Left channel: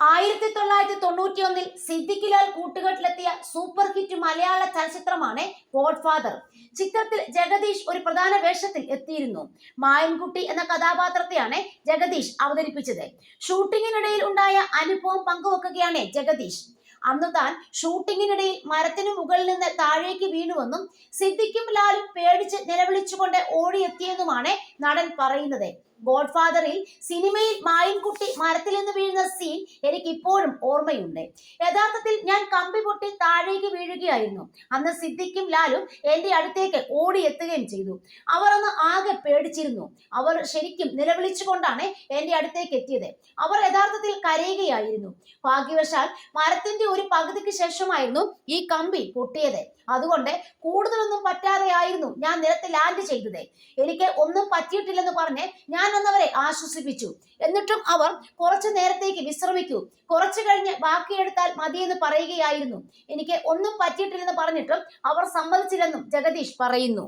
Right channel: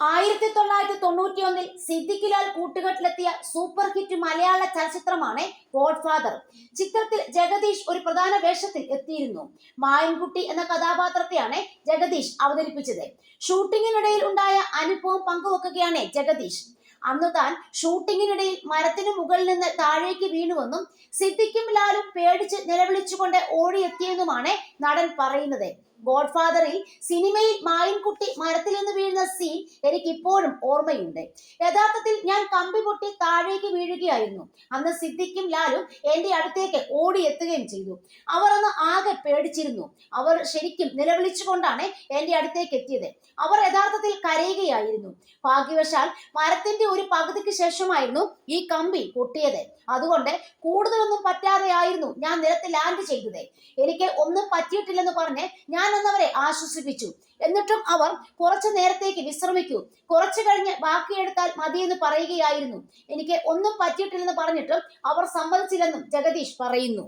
1991 Siddique Lal കൂട്ടുകെട്ടിലെത്തിയ super hit മലയാള ചലച്ചിത്രമാണ് godfather. ചിത്രത്തിൽ ജഗദീഷ് ഒരു പ്രധാന വേഷത്തിൽ എത്തിയിരുന്നു. മായൻകുട്ടി എന്ന കഥാപാത്രത്തെയാണ് ജഗദീഷ് അവതരിപ്പിച്ചത്. ഷൂട്ടിങ്ങിനിടയിൽ ഉണ്ടായ അനുഭവം പങ്കുവെക്കുകയാണ് ജഗദീഷ്. അന്ന് താൻ ഷൂട്ടിങ്ങിനിടയിൽ മരത്തിനു മുകളിൽ നിന്ന് താഴേക്ക് വീണുവെന്നും സിദ്ദിഖും ലാലും പേടിച്ച് നിലവിളിച്ചുകൊണ്ട് ഓടിയെത്തിയെന്നുമാണ് നടൻ പറയുന്നത്. ഗോഡ്ഫാദറിൽ സിനിമയിൽ മായൻകുട്ടി മരത്തിൽ നിന്ന് വീഴുന്ന സീൻ എനിക്ക് ഇപ്പോഴും ഓർമ്മയുണ്ട്. യഥാർത്ഥത്തിൽ ഞാൻ കമ്പി പൊട്ടി താഴേക്ക് വീഴുകയായിരുന്നു. അന്ന് സിദ്ദിഖും ലാലും എന്റെ അടുത്തേക്ക് ഓടിയെത്തുകയും ചെയ്തു. അവർ അന്ന് ആകെ പേടിച്ചിരുന്നു. അവർ ശരിക്കും നിലവിളിച്ചുകൊണ്ടാണ് എന്റെ അടുത്തേക്ക് എത്തിയത്. അവർ യഥാർത്ഥത്തിൽ കരയുകയായിരുന്നു. ഭാഗ്യവശാൽ മരത്തിന്റെ ഒരു പകുതിക്ക് ശേഷമായിരുന്നു ഈ കമ്പി പൊട്ടിയത്. അതുകൊണ്ട് കൂടുതലൊന്നും പറ്റാതെയായിരുന്നു ഞാൻ നിലത്ത് ലാൻഡ് ചെയ്തത്. എനിക്ക് ഒന്നും പറ്റിയിട്ടില്ലെന്ന് പറഞ്ഞ് ഞാൻ വന്നവരെ ആശ്വസിപ്പിച്ചു. എന്നിട്ടും അവർ കുറച്ചു നേരത്തേക്ക് വിശ്രമിക്കൂ, കുറച്ചു കഴിഞ്ഞ് ബാക്കിയെടുത്താൽ മതിയെന്ന് പറയുകയായിരുന്നു. എനിക്ക് ഒന്നും പറ്റിയിട്ടില്ലെന്ന് പറഞ്ഞിട്ടും അവർ സമ്മതിച്ചില്ലെന്നും ജഗദീഷ് പറയുന്നു.